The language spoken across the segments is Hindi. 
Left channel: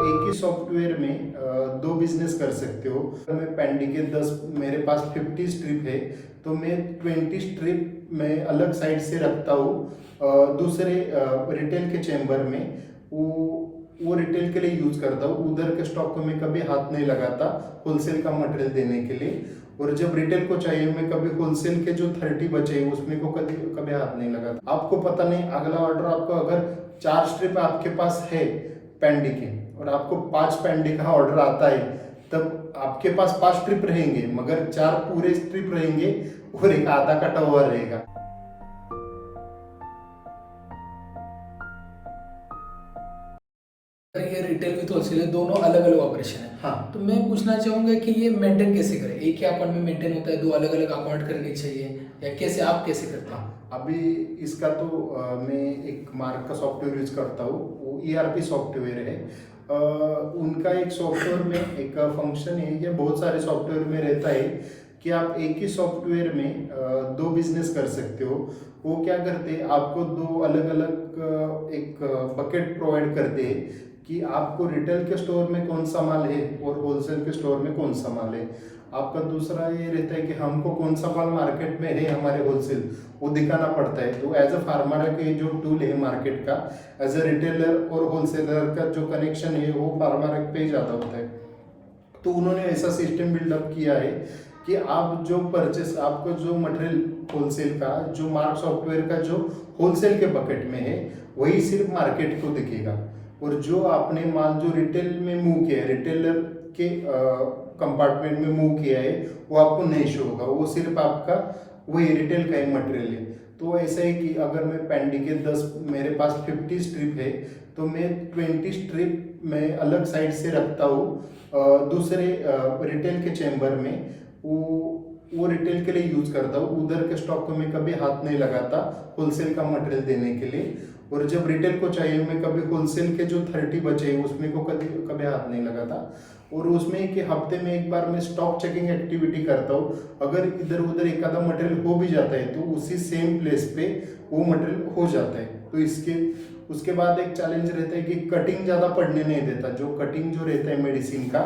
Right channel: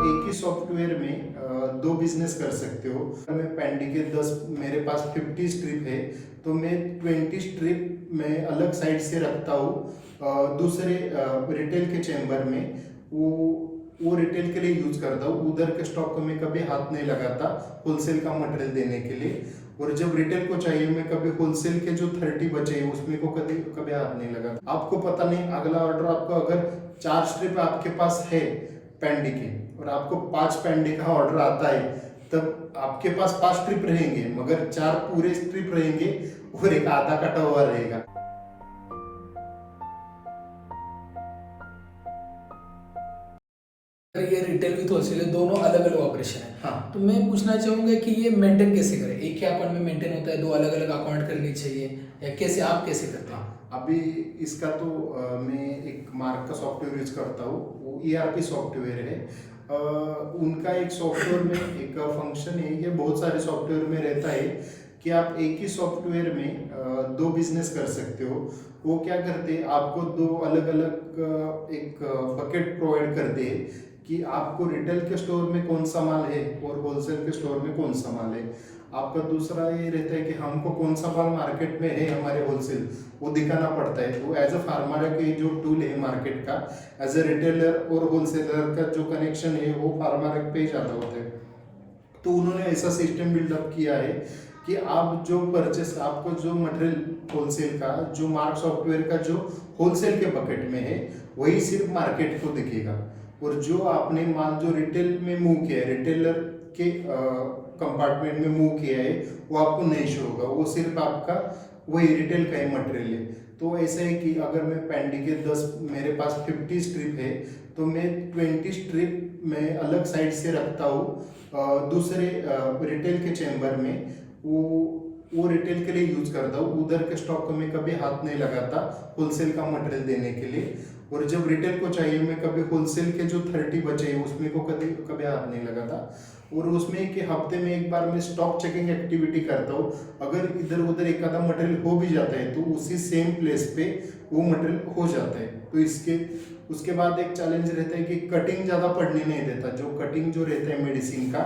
एक ही सॉफ्टवेयर में दो बिजनेस कर सकते हो। मैं पेंडी के 10 मेरे पास 50 स्ट्रिप है, तो मैं 20 स्ट्रिप मैं अलग साइड से रखता हूँ दूसरे रिटेल के चैम्बर में। वो रिटेल के लिए यूज करता हूँ। उधर के स्टॉक को मैं कभी हाथ नहीं लगाता होलसेल का मटेरियल देने के लिए। और जब रिटेल को चाहिए मैं कभी होलसेल के जो 30 बचे उसमें को कभी कभी हाथ नहीं लगाता। आपको पता नहीं अगला ऑर्डर आपको अगर 4 स्ट्रिप आपके पास है पेंडी के और आपको 5 पेंडी का ऑर्डर आता है, तब आपके पास 5 स्ट्रिप रहेंगे मगर 4 पूरे स्ट्रिप रहेंगे और एक आधा कटा हुआ रहेगा। ये रिटेल विथ होलसेल दोनों अलग अलग ऑपरेशन है। हाँ, तो मैं पूछना चाहूंगा कि ये मेंटेन कैसे करें? एक ही अकाउंट में मेंटेन होता है, दो अलग अलग अकाउंट करनी चाहिए या कैसे, आप कैसे करते हैं? हाँ, अभी इसका तो मैं एक मार्क का सॉफ्टवेयर यूज करता हूँ। वो ERP सॉफ्टवेयर है। उनका एक सॉफ्टवेयर में एक फंक्शन है, ये बहुत सारे सॉफ्टवेयर में रहता है कि आप एक ही सॉफ्टवेयर में दो बिजनेस कर सकते हो। वो क्या करते हैं, आपको दो अलग अलग एक बकेट प्रोवाइड करते हैं कि आपको रिटेल के स्टोर में कौन सा माल है और होलसेल के स्टोर में कौन सा माल है। आपका दूसरा ये रहता है कि हमको कौन सा माल मार्केट में है हमारे होलसेल, वो दिखाना पड़ता है। तो एज अ फार्मर के जो टूल है मार्केट का, एज अ रिटेलर और होलसेलर का जो कनेक्शन है वो फार्मर पे ही ज़्यादा होता है। तो उन्होंने ऐसा सिस्टम बिल्डअप किया है कि आप जो परचेस, आपको जो मटेरियल होलसेल का जो मार्क सॉफ्टवेयर का जो होलसेल के बकेट में है वही सिर्फ मार्केट को दिखेगा। और जो आपने माल जो रिटेल में मूव किया है, रिटेलर के कंपार्टमेंट में मूव किया है, वो आपको नहीं शो होगा। वो सिर्फ आपका वही रिटेल का ही मटेरियल है। तो ऐसा है कि अगर मैं पेंडी के 10 मेरे पास 50 स्ट्रिप है, तो मैं 20 स्ट्रिप मैं अलग साइड से रखता हूँ दूसरे रिटेल के चैम्बर में। वो रिटेल के लिए यूज करता हूँ। उधर के स्टॉक को मैं कभी हाथ नहीं लगाता होलसेल का मटेरियल देने के लिए। और जब रिटेल को चाहिए मैं कभी होलसेल के जो 30 बचे उसमें को कभी कभी हाथ नहीं लगाता। और उसमें कि हफ्ते में एक बार मैं स्टॉक चेकिंग एक्टिविटी करता हूँ। अगर इधर उधर एक आधा मटेरियल हो भी जाता है तो उसी सेम प्लेस पे वो मटेरियल हो जाता है। तो इसके उसके बाद एक चैलेंज रहता है कि कटिंग ज़्यादा पड़ने नहीं देता। जो कटिंग जो रहता है मेडिसिन का,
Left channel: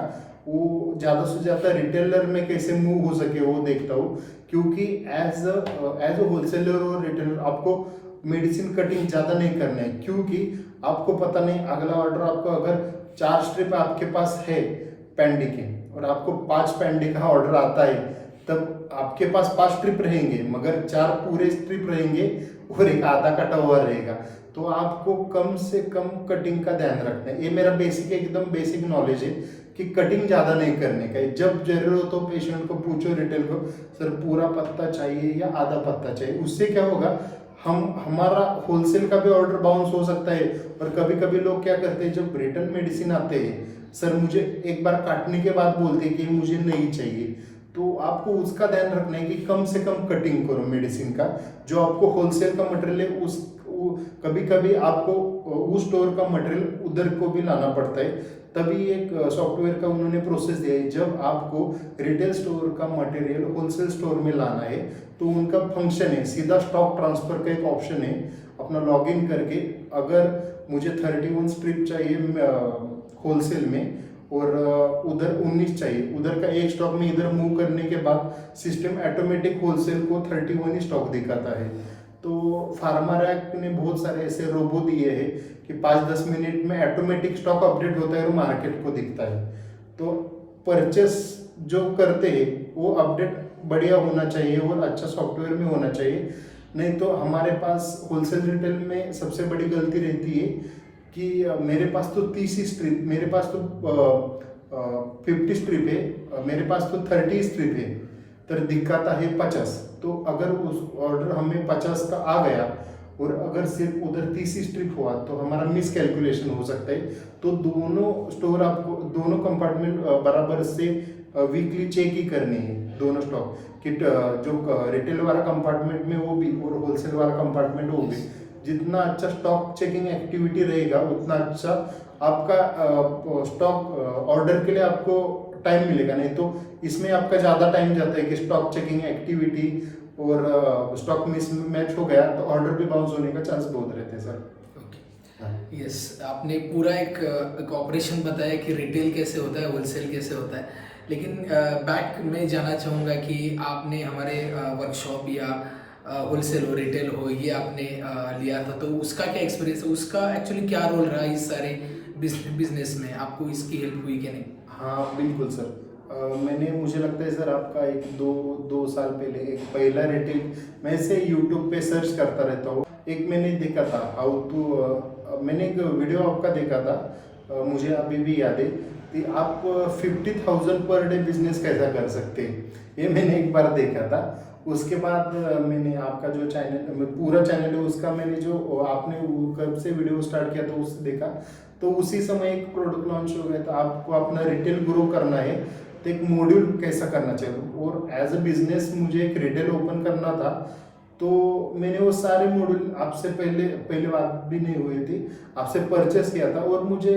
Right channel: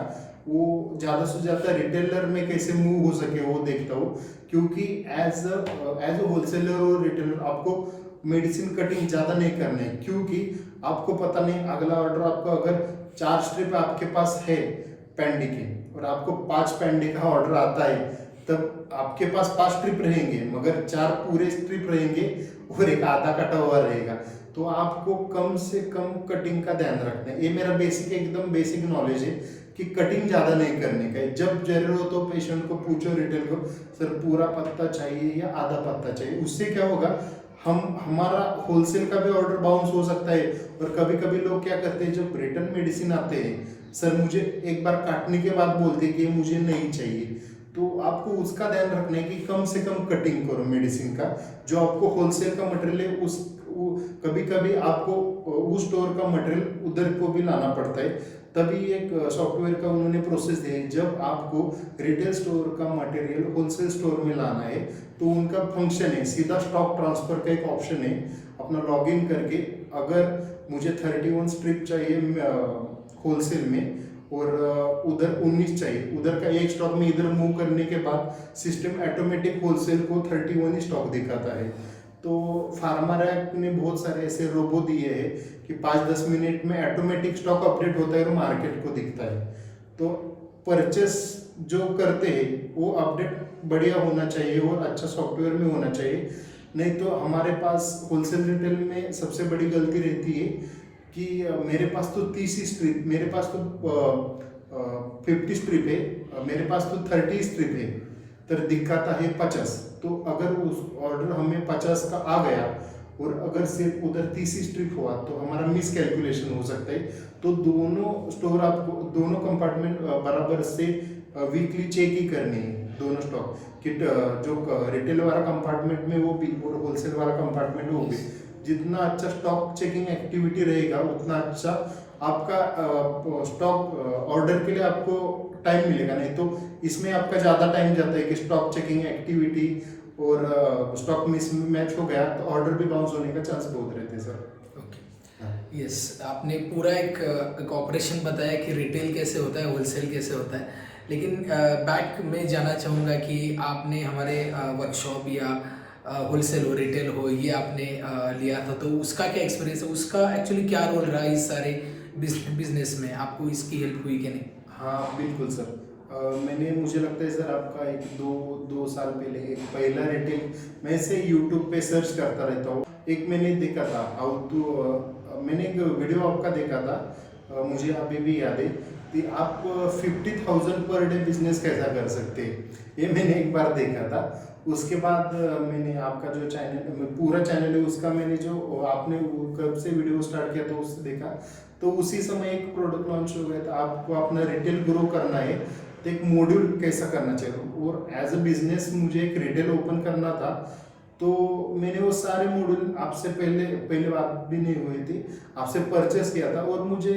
वो ज़्यादा से ज़्यादा रिटेलर में कैसे मूव हो सके वो देखता हूँ। क्योंकि एज अ होलसेलर और रिटेलर आपको मेडिसिन कटिंग ज़्यादा नहीं करना है, क्योंकि आपको पता नहीं अगला ऑर्डर आपको अगर 4 स्ट्रिप आपके पास है पेंडी के और आपको 5 पेंडी का ऑर्डर आता है, तब आपके पास 5 स्ट्रिप रहेंगे मगर 4 पूरे स्ट्रिप रहेंगे और एक आधा कटा हुआ रहेगा। तो आपको कम से कम कटिंग का ध्यान रखना है। ये मेरा बेसिक एकदम बेसिक नॉलेज है कि कटिंग ज़्यादा नहीं करने का है। जब जरूरत हो पेशेंट को पूछो, रिटेल को, सर पूरा पत्ता चाहिए या आधा पत्ता चाहिए। उससे क्या होगा, हमारा होलसेल का भी ऑर्डर बाउंस हो सकता है। और कभी कभी लोग क्या करते हैं, जब रिटर्न मेडिसिन आते हैं, सर मुझे एक बार काटने के बाद बोलते हैं कि मुझे नहीं चाहिए। तो आपको उसका ध्यान रखना है कि कम से कम कटिंग करो मेडिसिन का। जो आपको होलसेल का मटेरियल है कभी कभी आपको उस स्टोर का मटेरियल उधर को भी लाना पड़ता है। तभी एक सॉफ्टवेयर का उन्होंने प्रोसेस दिया है। जब आपको रिटेल स्टोर का मटेरियल होलसेल स्टोर में लाना है तो उनका फंक्शन है, सीधा स्टॉक ट्रांसफर का एक ऑप्शन है। अपना लॉगिन करके अगर मुझे 31 स्ट्रिप चाहिए होलसेल में और उधर 19 चाहिए, उधर का एक स्टॉक में इधर मूव करने के बाद सिस्टम ऑटोमेटिक होलसेल को 31 ही स्टॉक दिखाता है। तो फार्मर एक्ट ने बहुत सारे ऐसे रोबो दिए हैं कि 5-10 मिनट में ऑटोमेटिक स्टॉक अपडेट होता है और मार्केट को दिखता है। तो परचेस जो करते हैं वो अपडेट बढ़िया होना चाहिए और अच्छा सॉफ्टवेयर में होना चाहिए। नहीं तो हमारे पास होलसेल रिटेल में सबसे बड़ी गलती रहती है कि मेरे पास तो 30 स्ट्रिप, मेरे पास तो 50 स्ट्रिप है, मेरे पास तो 30 स्ट्रिप है, तो दिखाता है 50। तो अगर उस ऑर्डर हमें 50 का आ गया और अगर सिर्फ उधर 30 स्ट्रिप हुआ तो हमारा मिस कैलकुलेशन हो सकता है। तो दोनों स्टोर आपको, दोनों कंपार्टमेंट बराबर से वीकली चेक ही करनी है, दोनों स्टॉक कि जो रिटेल वाला कंपार्टमेंट में वो भी और होलसेल वाला कंपार्टमेंट वो भी। जितना अच्छा स्टॉक चेकिंग एक्टिविटी रहेगा उतना अच्छा आपका स्टॉक ऑर्डर के लिए आपको टाइम मिलेगा। नहीं तो इसमें आपका ज़्यादा टाइम जाता है कि स्टॉक चेकिंग एक्टिविटी और स्टॉक मिस मैच हो गया तो ऑर्डर भी बाउंस होने का चांस बहुत रहते हैं सर। ओके। हाँ। यस, आपने पूरा एक ऑपरेशन बताया कि रिटेल कैसे होता है, होलसेल कैसे होता है। लेकिन बैक में जाना चाहूँगा कि आपने हमारे वर्कशॉप या होलसेल हो, रिटेल हो, ये आपने लिया था, तो उसका क्या एक्सपीरियंस है? उसका एक्चुअली क्या रोल रहा इस सारे बिज़नेस में? आपको इसकी हेल्प हुई कि नहीं? हाँ बिल्कुल सर। मैंने मुझे लगता है सर आपका एक दो दो साल पहले एक पहला रिटेल मैं से यूट्यूब पे सर्च करता रहता हूँ। एक मैंने देखा था हाउ टू मैंने एक वीडियो आपका देखा था। मुझे अभी भी याद है कि आप 50,000 पर डे बिजनेस कैसा कर सकते हैं, ये मैंने एक बार देखा था। उसके बाद मैंने आपका जो चैनल पूरा चैनल है उसका मैंने जो आपने वो कब से वीडियो स्टार्ट किया था उससे देखा, तो उसी समय एक प्रोडक्ट लॉन्च हो गया था। आपको अपना रिटेल ग्रो करना है तो एक मॉड्यूल कैसा करना चाहिए, और एज अ बिजनेस मुझे एक रिटेल ओपन करना था। तो मैंने वो सारे मॉड्यूल आपसे पहले पहले बात भी नहीं हुई थी, आपसे परचेस किया था, और मुझे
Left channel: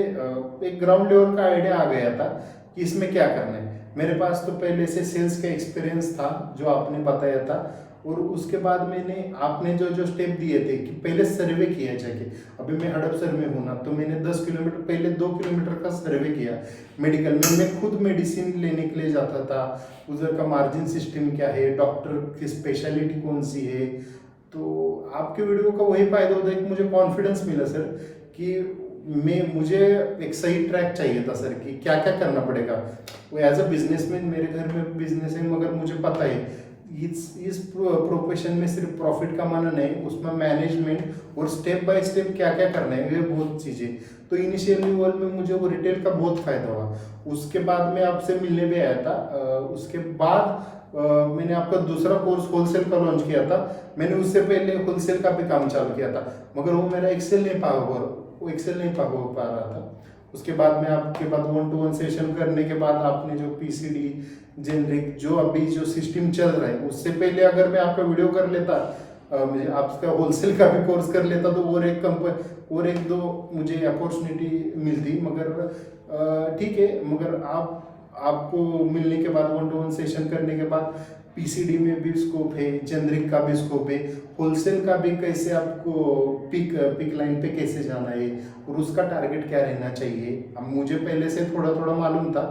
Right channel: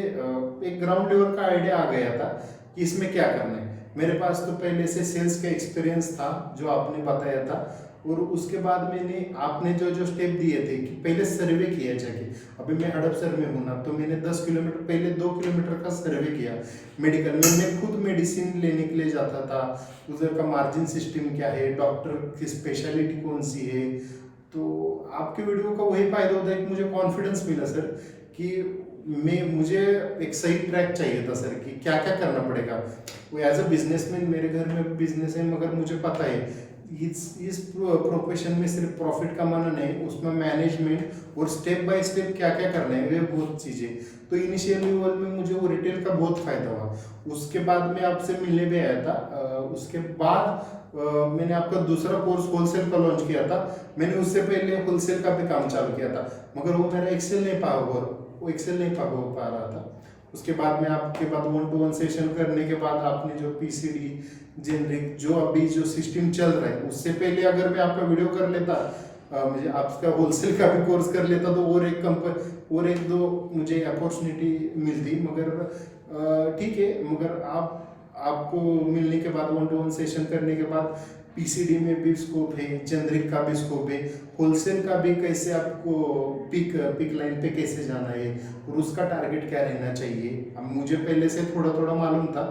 एक ग्राउंड लेवल का आइडिया आ गया था कि इसमें क्या करना है। मेरे पास तो पहले से सेल्स का एक्सपीरियंस था जो आपने बताया था, और उसके बाद मैंने आपने जो जो स्टेप दिए थे कि पहले सर्वे किया जाके। अभी मैं हड़पसर में हूँ ना, तो मैंने 10 किलोमीटर पहले 2 किलोमीटर का सर्वे किया मेडिकल में। मैं खुद मेडिसिन लेने के लिए जाता था, उधर का मार्जिन सिस्टम क्या है, डॉक्टर की स्पेशलिटी कौन सी है। तो आपके वीडियो का वही फायदा होता है कि मुझे कॉन्फिडेंस मिला सर कि मुझे एक सही ट्रैक चाहिए था सर कि क्या क्या करना पड़ेगा। वो एज अ बिजनेसमैन मेरे घर में बिजनेस है, मगर मुझे पता है इस प्रोफेशन में सिर्फ प्रॉफिट कमाना नहीं, उसमें मैनेजमेंट और स्टेप बाय स्टेप क्या क्या करना है, वे बहुत चीज़ें। तो इनिशियल लेवल में मुझे वो रिटेल का बहुत फायदा हुआ। उसके बाद मैं आपसे मिलने भी आया था। उसके बाद मैंने आपका दूसरा कोर्स होलसेल का लॉन्च किया था। मैंने उससे पहले होलसेल का भी काम चालू किया था, मगर वो मेरा एक्सेल नहीं हो पा रहा था। उसके बाद में आपके बाद 1-to-1 सेशन करने के बाद आपने जो पीसीडी जेनरिक जो अभी जो सिस्टम चल रहा है, उससे पहले अगर मैं आपका वीडियो कर लेता, मुझे आपका होलसेल का भी कोर्स कर लेता, तो और एक दो मुझे अपॉर्चुनिटी मिलती। मगर ठीक है, मगर आपको मिलने के बाद 1-to-1 सेशन करने के बाद पीसीडी में भी स्कोप है, जेनरिक का भी स्कोप है, होलसेल का भी कैसे आपको पिक लाइन पे कैसे जाना है और उसका टारगेट क्या रहना चाहिए। अब मुझे पहले से थोड़ा थोड़ा मालूम था,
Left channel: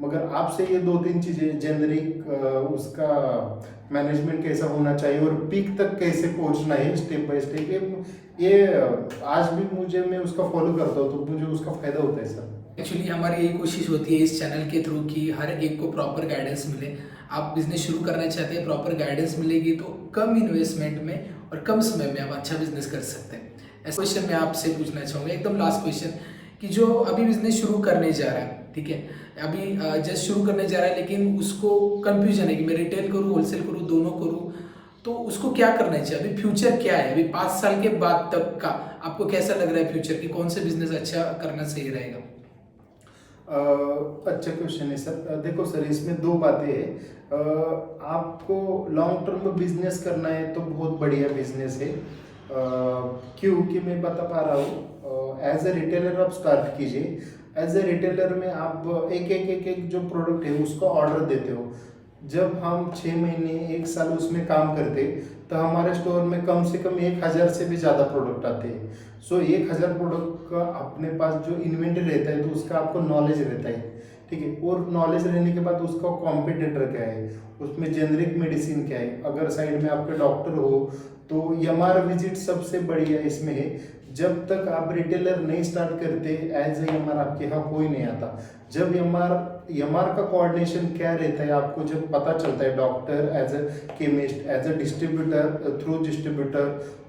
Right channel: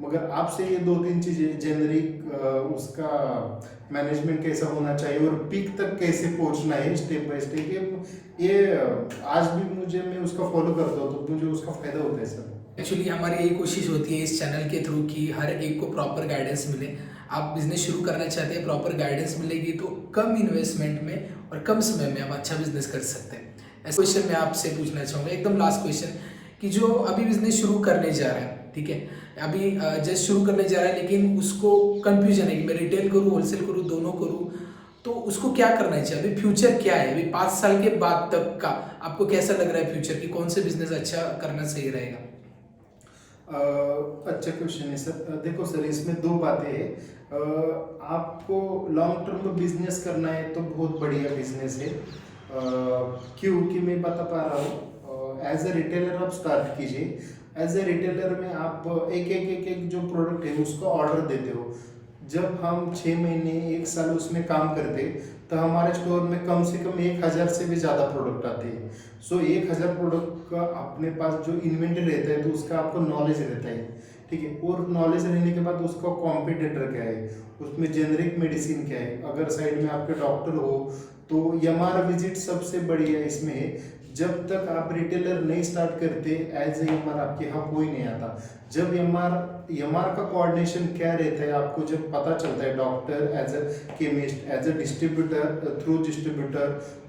मगर आपसे ये 2-3 चीज़ें जेनरिक उसका मैनेजमेंट कैसा होना चाहिए और पीक तक कैसे पहुंचना है स्टेप बाय स्टेप, ये आज भी मैं उसका फॉलो करता हूँ, तो मुझे उसका फायदा होता है सर। एक्चुअली हमारी यही कोशिश होती है इस चैनल के थ्रू कि हर एक को प्रॉपर गाइडेंस मिले। आप बिजनेस शुरू करना चाहते हैं, प्रॉपर गाइडेंस मिलेगी तो कम इन्वेस्टमेंट में और कम समय में आप अच्छा बिजनेस कर सकते हैं। ऐसा क्वेश्चन मैं आपसे पूछना चाहूँगा, एकदम लास्ट क्वेश्चन, कि जो अभी बिजनेस शुरू करने जा रहा है, ठीक है, अभी जस्ट शुरू करने जा रहा है, लेकिन उसको कंफ्यूजन है कि मैं रिटेल करूँ, होलसेल करूँ, दोनों करूँ, तो उसको क्या करना चाहिए? अभी फ्यूचर क्या है? अभी 5 साल के बाद तक का आपको कैसा लग रहा है फ्यूचर, कि कौन से बिजनेस अच्छा करना सही रहेगा? अच्छा क्वेश्चन है सर। देखो सर, इसमें दो बातें हैं। आपको लॉन्ग टर्म बिजनेस करना है तो बहुत बढ़िया बिजनेस है। क्योंकि मैं बता पा रहा हूँ, एज ए रिटेलर आप स्टार्ट कीजिए। एज ए रिटेलर में आप एक जो प्रोडक्ट है उसका ऑर्डर देते हो। जब हम 6 महीने 1 साल उसमें काम करते, तो हमारे स्टोर में कम से कम 1,000 से भी ज़्यादा प्रोडक्ट आते हैं। सो 1,000 प्रोडक्ट का अपने पास जो इन्वेंटरी रहता है, तो उसका आपको नॉलेज रहता है, ठीक है। और नॉलेज रहने के बाद उसका कॉम्पिटिटर क्या है, उसमें जेनरिक मेडिसिन क्या है, अगर साइड में आपके डॉक्टर हो तो एमआर विजिट सबसे बढ़िया इसमें है। जब तक आप रिटेलर नहीं स्टार्ट करते, एज ए एमआर आपके यहाँ कोई नहीं आता। जब एमआर का कोऑर्डिनेशन क्या रहता है, आपको जब पता चलता है, doctor as a chemist, as a distributor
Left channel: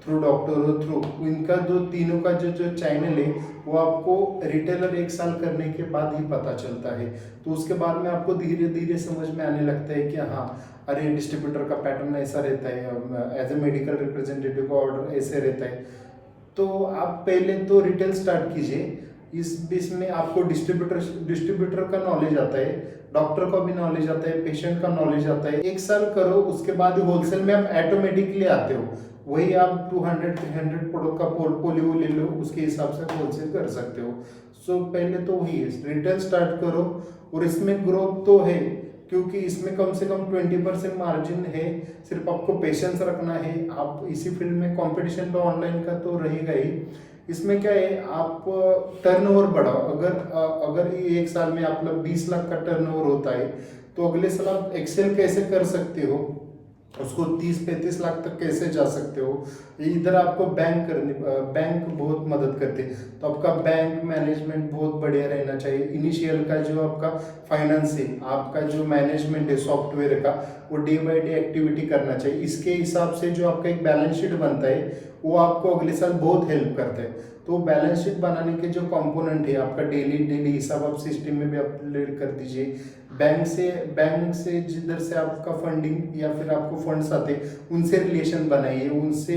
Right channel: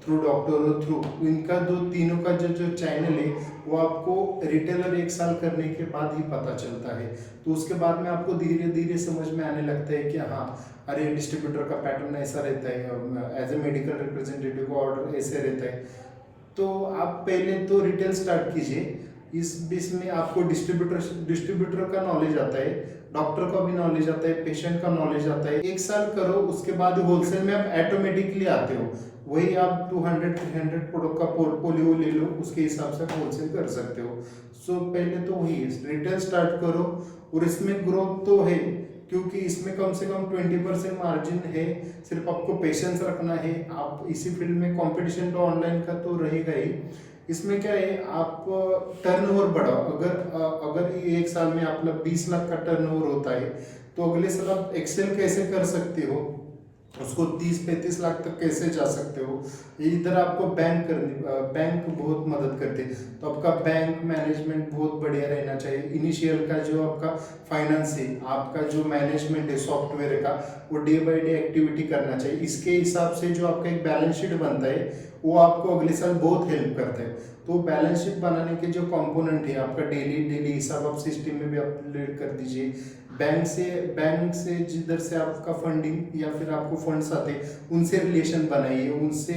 through doctor through, इनका जो तीनों का जो चैनल है, वो आपको रिटेलर 1 साल करने के बाद ही पता चलता है। तो उसके बाद में आपको धीरे धीरे समझ में आने लगता है कि हाँ, अरे डिस्ट्रीब्यूटर का पैटर्न ऐसा रहता है, एज ए मेडिकल रिप्रेजेंटेटिव का ऑर्डर ऐसे रहता है। तो आप पहले तो रिटेल स्टार्ट कीजिए। इस बीच में आपको डिस्ट्रीब्यूटर का नॉलेज आता है, डॉक्टर का भी नॉलेज आता है, पेशेंट का नॉलेज आता है। 1 साल करो, उसके बाद होलसेल में आप ऑटोमेटिकली आते हो। वही आप 200-300 प्रोडक्ट का पोर्टफोलियो ले लो, उसके हिसाब से होलसेल कर सकते हो। सो पहले तो वही है, रिटेल स्टार्ट करो। और इसमें ग्रोथ तो है, क्योंकि इसमें कम से कम 20% मार्जिन है। सिर्फ आपको पेशेंस रखना है। आप इसी फील्ड में कंपटीशन तो ऑनलाइन का तो रहेगा ही, इसमें क्या है, आप टर्नओवर बढ़ाओ। अगर ये एक साल में आपका 20 लाख का टर्नओवर होता है, तो अगले साल आप एक्सेल कैसे कर सकते हो, उसको 30-35 लाख तक कैसे जा सकते हो। इधर आपको बैंक बहुत मदद करते हैं। तो आपका बैंक मैनेजमेंट बहुत बढ़िया रहना चाहिए। इनिशियल का जो आपका फाइनेंस है, आपका जो मैनेजमेंट है सॉफ्टवेयर का, वो डे बाय डे एक्टिविटी करना चाहिए। इसके हिसाब से जो आपका एक बैलेंस शीट बनता है, वो आपको अगले साल बहुत हेल्प करता है। तो बैलेंस शीट बनाने के जो कंपोनेंट है, आपका डेली हिसाब आप सिस्टम में भी अपलोड कर दीजिए। बैंक से जिधर से आपका फंडिंग या फिर आपको फंड्स आते हैं, उनसे रिलेशन बनाइए। उनसे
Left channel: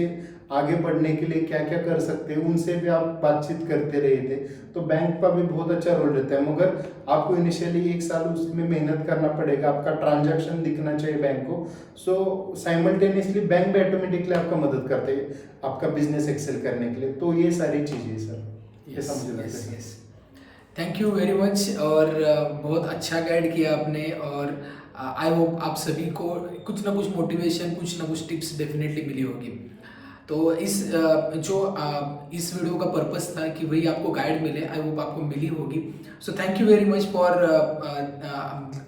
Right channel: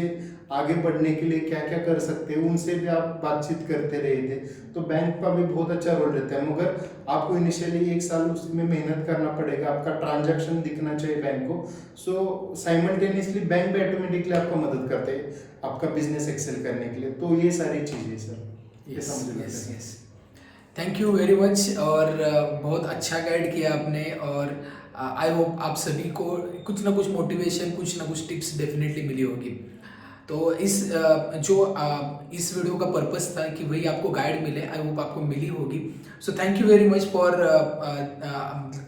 आगे बढ़ने के लिए क्या क्या कर सकते हैं, उनसे भी आप बातचीत करते रहे थे। तो बैंक का भी बहुत अच्छा रोल रहता है, मगर आपको इनिशियली एक साल उसमें मेहनत करना पड़ेगा। आपका ट्रांजैक्शन दिखना चाहिए बैंक को। सो साइमल्टेनियसली बैंक भी ऑटोमेटिकली आपका मदद करते हैं आपका बिजनेस एक्सेल करने के लिए। तो ये सारी चीज़ें सर, ये समझ लगता है। Thank you very much. और बहुत अच्छा गाइड किया आपने, और आई होप आप सभी को कुछ ना कुछ मोटिवेशन, कुछ ना कुछ टिप्स डेफिनेटली मिली होगी। तो इस इस वीडियो का पर्पस था कि वही आपको गाइड मिले, आई होप आपको मिली होगी। So thank you very much for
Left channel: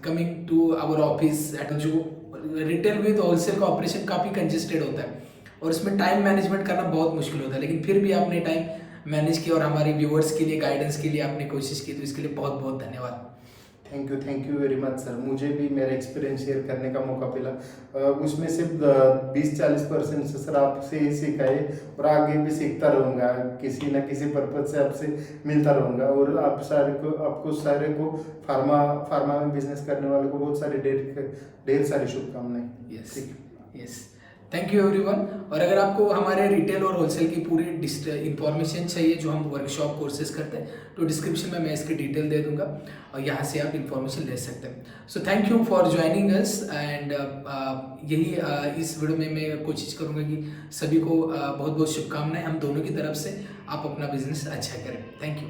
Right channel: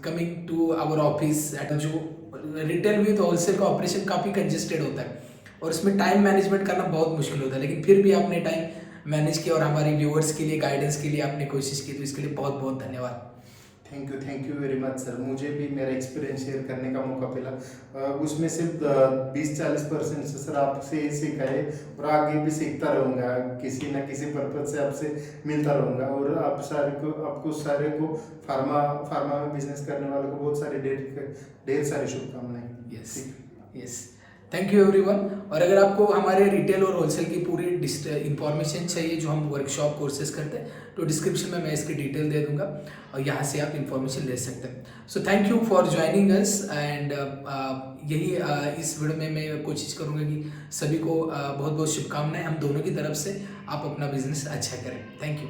coming to our office. जो रिटेल विद होलसेल का ऑपरेशन काफ़ी कंजेस्टेड होता है और उसमें टाइम मैनेजमेंट करना बहुत मुश्किल होता है, लेकिन फिर भी आपने टाइम मैनेज किया और हमारी व्यूअर्स के लिए गाइडेंस के लिए आपने कोशिश की, तो इसके लिए बहुत बहुत धन्यवाद। Thank you very much sir. मुझे भी मेरा एक्सपीरियंस शेयर करने का मौका मिला। उसमें सिर्फ 20-40% से सर आपसे ही सीखा है, और आगे भी सीखता रहूँगा। किसी ना किसी पर्पज से आपसे मिलता रहूँगा। और आपको सारे को फार्मा में बिजनेस करने वालों को बहुत सारी ढेर सारी शुभकामनाएं। Yes yes, thank you everyone. और अगर आपको हमारे रिटेल और होलसेल की पूरी इंफॉर्मेशन चाहिए जो हम वर्कशॉप कोर्सेज करते हैं, तो डिस्क्रिप्शन में मैं इसकी डिटेल दे दूंगा और यहाँ से आप इंफॉर्मेशन ले सकते हैं। सो thank you for joining us. And इस वीडियो में मैं कोशिश करूँगा कि सभी को बहुत बहुत शुभकामनाएं हम दोनों की तरफ से। आप अपना बिजनेस अच्छा करें। Thank you.